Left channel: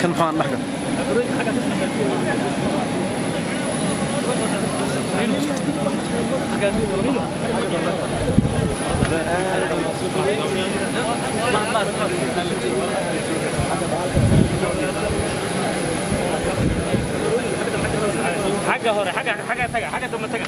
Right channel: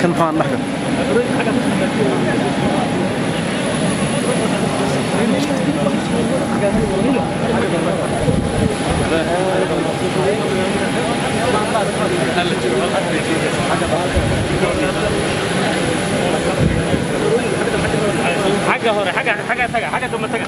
كان طبعا محكم حاجة هوري حاجة ثم تجا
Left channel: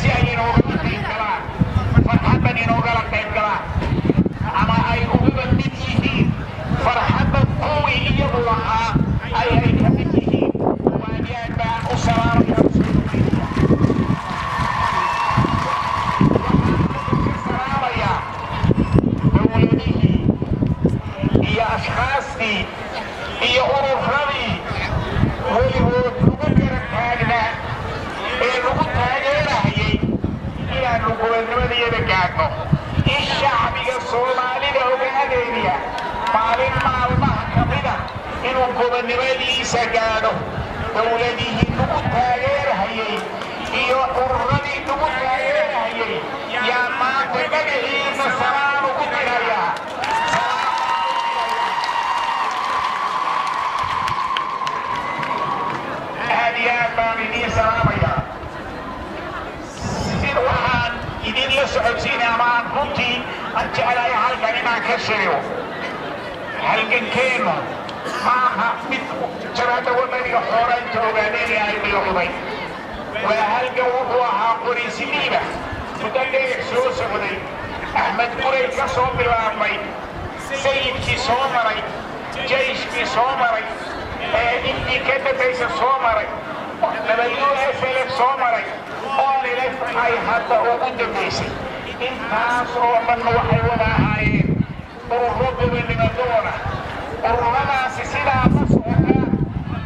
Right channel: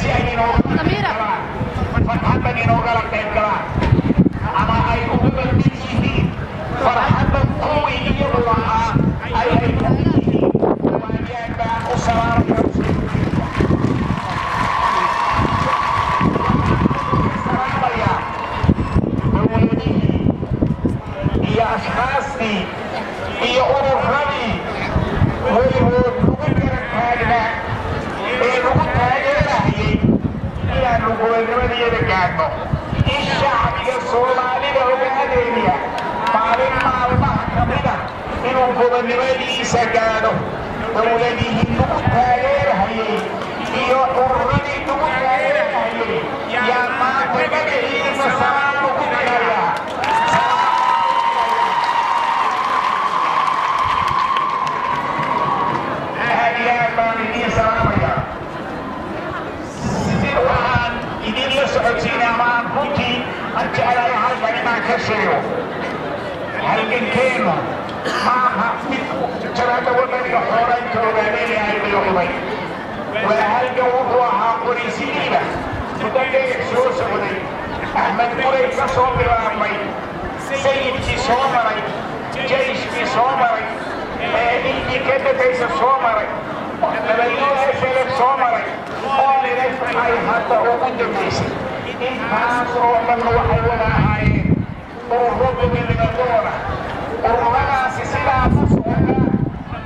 si ay inooga qayb galaan farxaddan inoogala qayb galaan ama ay uga mid yihiin farxadda kuwii iyagu lahaa ay ka mid yihiin waayaan baan u salaamaya dowladihii iyo ashkaastii iyo ururadii weligood lagu garab taagnaa ee lagu taageerahayay inaannu gobonnimadayada gaadhno in shacbiga soomaalida ogaadeynaya maalin maalmaha ka mida inuu gobonnimadiisa gaadho dowladihii lagu taageerahayay iyo ururadii lagu taageerahayay yaa maanta magaciisa salaam ugu dirayaa baan idiin salaamayaa waxaan idinla socodsiinay amaan runtii aan jeclahay halkan inaan ka sheego halgankeennu maaha mid jaraadda wadaniga xoolaynta ogaadeenaya ay bilowday waa halgan wuxuu ahaa qoraysidiiba muddo dheer soo socday axmed muray ka soo bilaabmay sayidkii soo maray jayshkii soo maray intii ka dambaysa soo maray WNLF soo maray ONLF ay hadda ugu dambaysay intaas oo dhan waxay wada ahaayeen ururo gobonnimadooda ururadaasi sidaa ma socda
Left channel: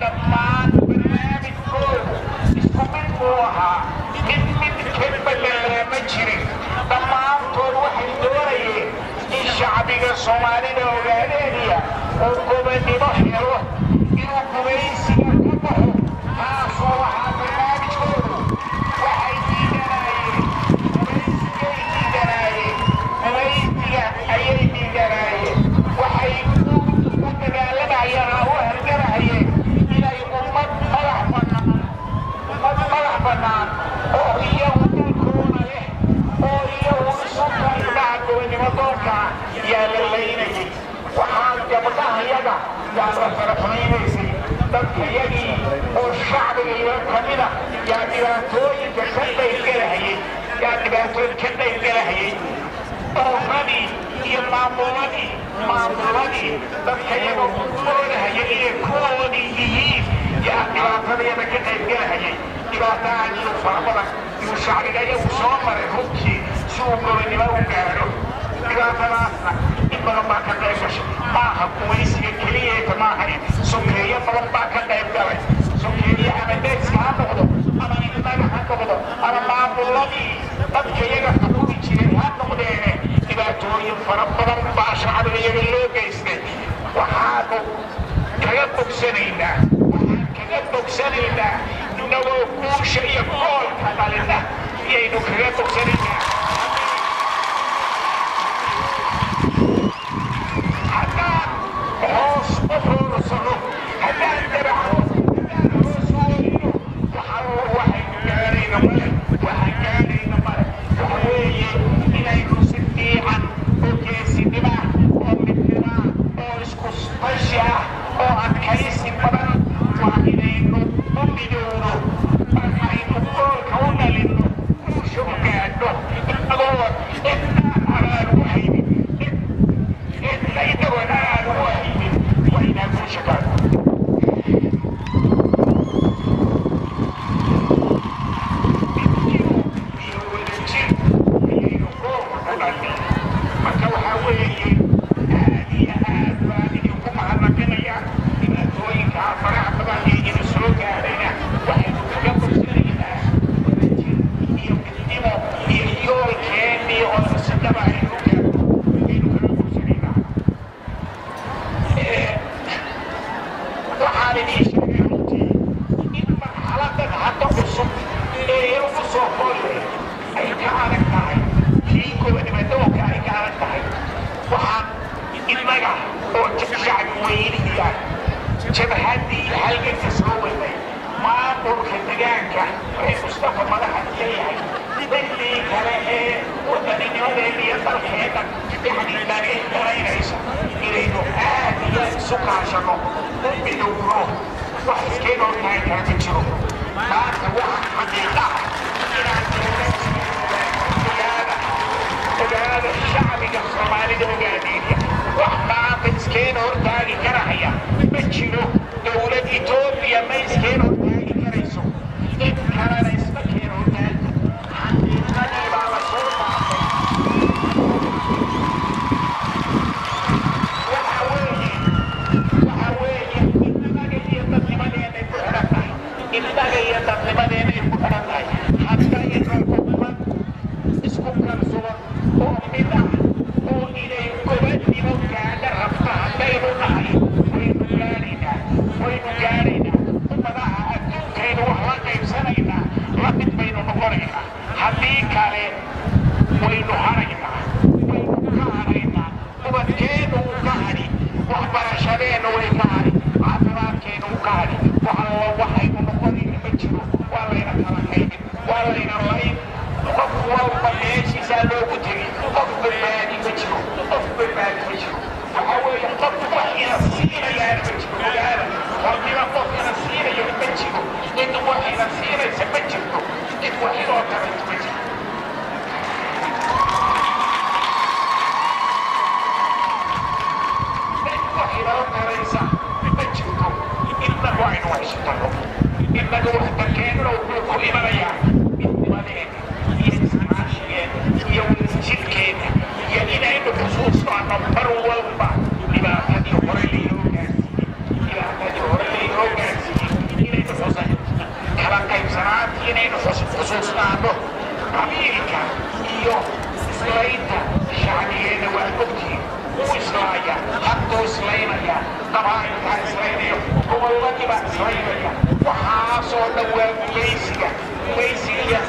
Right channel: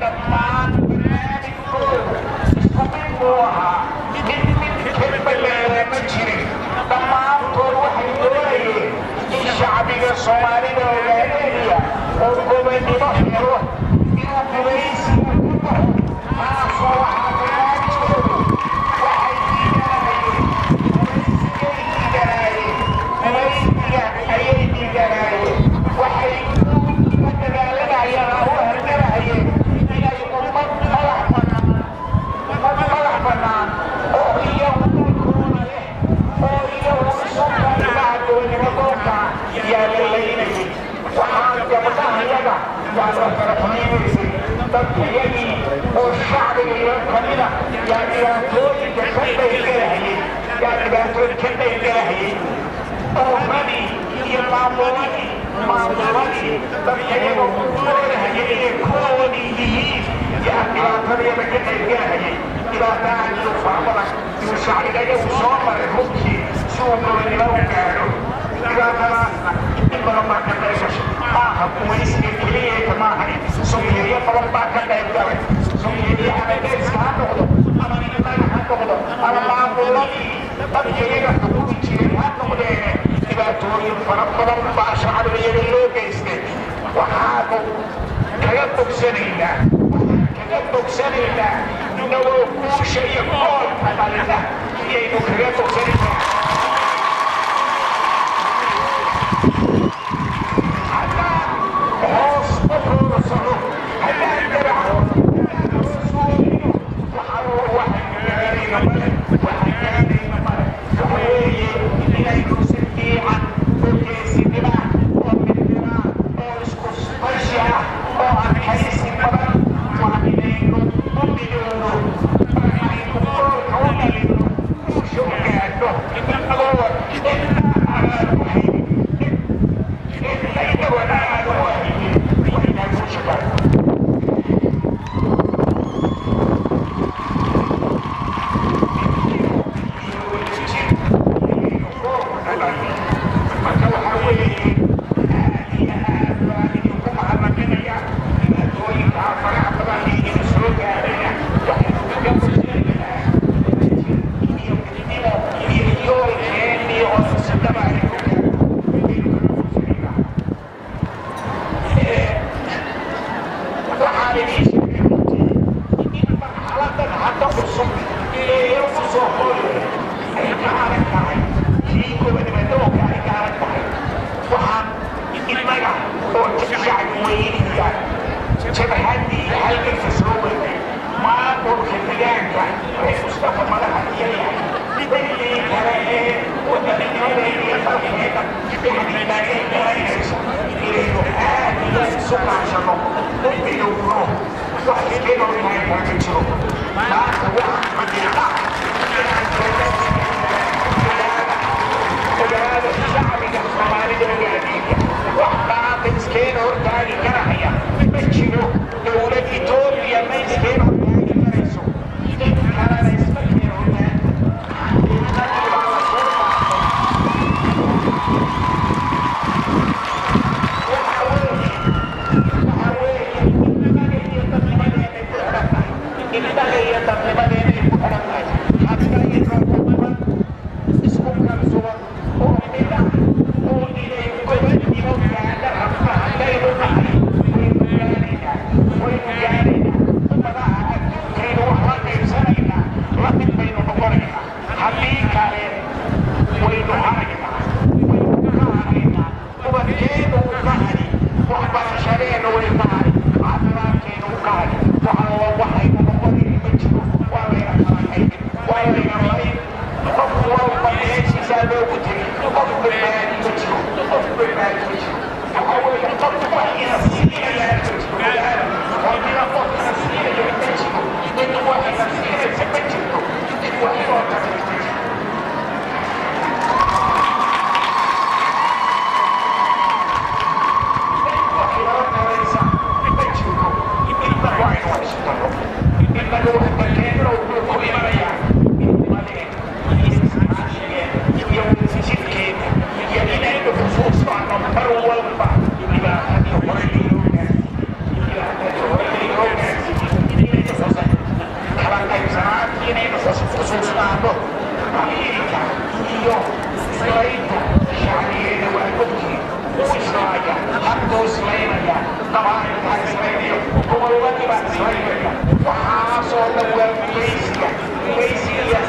dhammaan barnaamijkoodu isku mid buu ahaa mid ka ballaaraa ma jirin dhammaantood waxay doonayeen in shacbiga soomaalida ogaadeynaya oo gobonnimo helo inuu gumaysiga ka baxo taasoo waxaa barnaamijkoodu waxay diidanaayeen gumaysiga ayay diidanaayeen waxay u dagaalamayeen oo u hargarahayeen inay ummad madax bannaan oo iyagu dhulkooda leh oo iyagu isu kaimaha gobonnimadoonka yaa la laynayay waxaa gabdhahayaga yaa la faraxmaynaysay dadkayagii oo shacbiga iyo kamida yaa dhibaatooyinka ka qaybgalahayay ururadii iyo maamuladii dadkayaga udoodahayay inay kuwoodii yihiin yaa dhibaatadayada ka qaybgalahayay dhibaatahan iyo farabadan iyo shacbiga iyagu soo maray runtii si uu gobonnimo u gaadho dhibaatadaasna in badan baa ka qayb gashay maaha gumaysiga keliyeeta maahayn sokeeyo badan baa ka qayb galay sokeeyo ama deeska ha noqdo ama innaga ha noqdo ama maamuladii dadka iyaga xukumi jiray ha noqdeene dhibaatooyin fara badan baa shacbiga iyaga loo geystay waxaanu kaga bogsanaynaa inagoo guusha iyo koolka dhalina iyaynu kaga bogsanaynaa hoos u hoorsano haddaan daraco waxaan gaarayna male waxa weeye inaynu si fiican oo geesinima oo midnima oo isku tashi ah oo adkaysi badan waa inaynu u midowno markaynu koolka u dhalinno guusha u gaadho inagoo inna aan u haynin inagoo aan u haynin waa inaan guusha gaadho marka waxaa weeye aad iyo aad baan idinku mahadnaqinaya dhibaatooyinkaa faraha badan ee idin soo gaadhaya waxaynu kaga bogsanaynaa iyo midnimo iyo yoolkeennii oo sidaba aynu gaadho aynu kaga bogsanaynaa waxaan idiin sheegay runtii in marxaladan hadda cusub ee ugu soo koolay ay ka adag tahay gobonnimadoonka ay ka adag tahay waxaan innaga oo shacbi weyniga jabhadii halganka soo weynay maamulka degaanka ee mustafa madaxa iyo yahay dadkii kale ee wadanimadeeda iyo dalkeeda dhexdiilaagay dalaynaysa inaynu aad iyo isu kaashano u midowno wax iskeenoo tahay kaa ma jiro maanta waxaan xaqiiqa inaan soomaalida ogaadeenaya wax maanta iskeen hortaagi karahaya ma jiro dowlad etoobiya ma iskeen hortaagi karayso in kalena iska keen hortaagi xaqiiqadii baa la soo qaatay waxa weeye innaga iyo dadnimadeenay ku xidhan tahay innaga iyo dadnimadeenay ku xidhan tahay haddaynan xukuman isku kalsuban oo mid ah oo inay gobadnimo gaadha rabta haddaynu nahay waynu gaadhaynaa ummadaha adduunkaynu wax la qaybsanaynaa la mid baynu noqonaynaa haddii kale waynu haraynaa waynu ka haraynaa ubadkeenu u ka hari waxbarashadeenna way ka hari caafimaadkeenu u ka hari waxaynu noqonayna ma jiro waa layna kala qaybin waa layna layn qof walba meeshiisaa loogu tegay qof badbaadi ma jiro qof badbaadi ma jiro waxa weeye qof wax ina siinayaa ma jiro rabbiga qof ina siinayo ma jiro cid wax ina siinaysa ma jirto cid wax inoo taraysa ma jiro cid wax inoo taraysa ma jirto inna waa inu haysatano innaga wax dalkeenna wuxuu ku imanayaa midnimadeena iyo jidkeena iyo inaynu xusuustaano mar walba dhibaatadii hore laynoo gaarsiiyey kala qaybsanaantii inaynu xusuustaano qabiilka iyo islaynta shacbigeena waa ogtihiin uu islaaya hadduu islaynaya qabaa'ilkaa islaynayo gobolladii baa islaynaya waxaasoo dhan waa guyaysiga iyo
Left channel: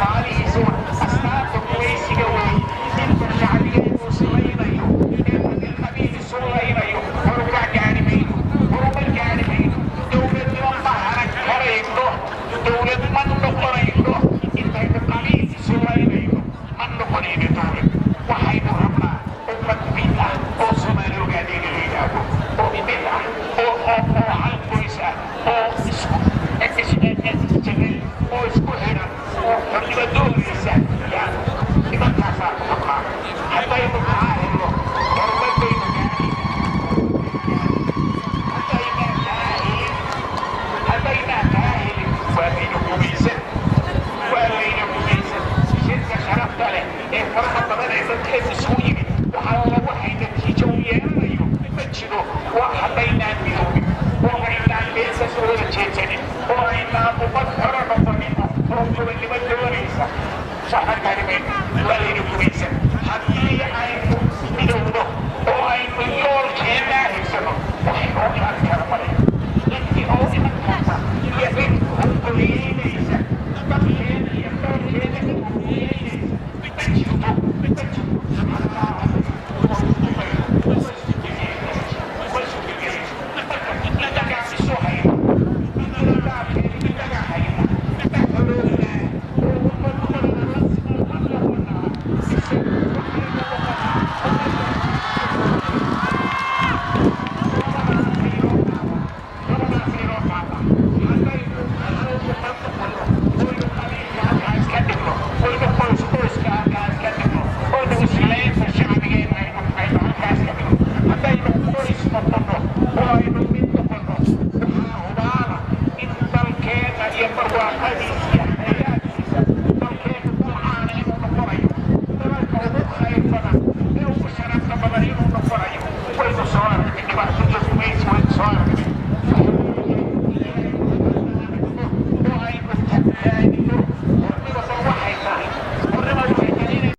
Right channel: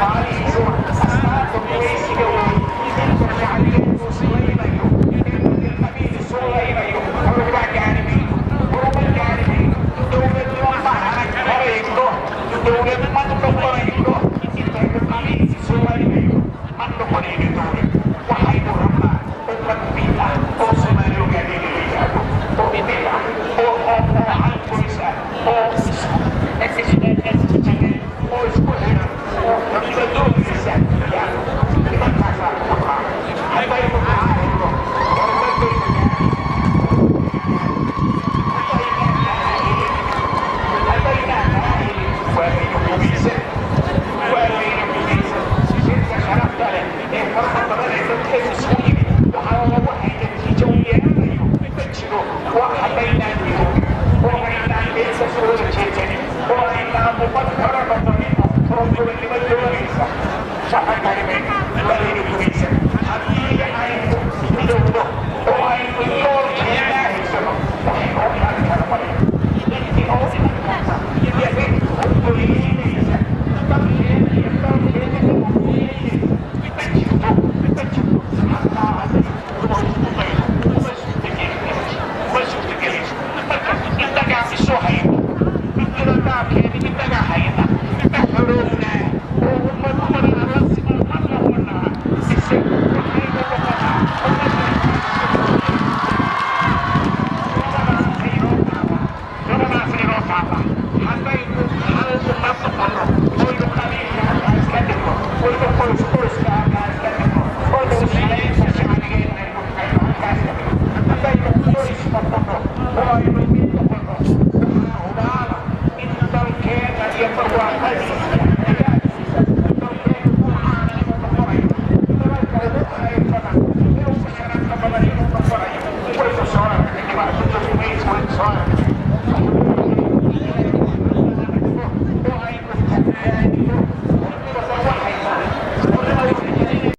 maalihiisuwa astaanta guyaysiga wey inta shacbigeenu islaynayo inta qabiil isu laynayo horuma gaari mayno dowladnimo ma harayno dowlad ma noqonayno intaynu qabiil isu laynayo ma noqonayno dowlad waxaynu rabnaa ummad mid ah oo soomaali ogaadeyga la yidhaahdo oo mid ah oo hal qoys ah oo isku xidhan oo xornimadoodiisa nimankaasaa ku qabnaa haddaynu kaa helno horumarbaynu haddaynaa kaa helin waa layna gumaysan shirka sharafta leh ee faraha badan ee dadkeenu isugu yimid waxaa lagu hay natiijo u yeelanayo ma jiro waa haddaynaan midoobin oo aynaan meesa soo wada jeejanin oo aynaan ummad hore noqonin oo gobonnimo doonaysa shaqan karimayn waa layna gumaysan haddii aynu midowno oo aynu yoolkeennaa haysano waxaynoo qaadi kara male intii oo imankaasa iyo cid hungoliyeynaysa dadkeena iyo doolkeena cid hungoliyeynaysa ma jirto hataa uma suurtagelayso marka innagaa isu hayno midnida dhaabkeeda innagaa hayna ma xorownaa oo ummadumada alla siman ma noqonaa mise waxaynu noqonaa labadaas inoo taaba haddaynu hal ummad noqono oynu qabiilka halkaa iska dhigno oynu qoyska halkaa iska dhigno oynu islaynta shacbigeena aynu halkaa iska dhigno haddaynu qoys noqono oo aynu mid noqono waxaa hubaala in dalkeena iyo barwaaqadiisa hayaakiisa dalkeenu dalcaana inuu noqonayo dalalka ugu khayr badan ee ugu sharafta badan inuu noqonayo waynu soo aragnay dhibaatada gumays waynu soo aragnay oo aynu tagtaanino hornimada waxay tahay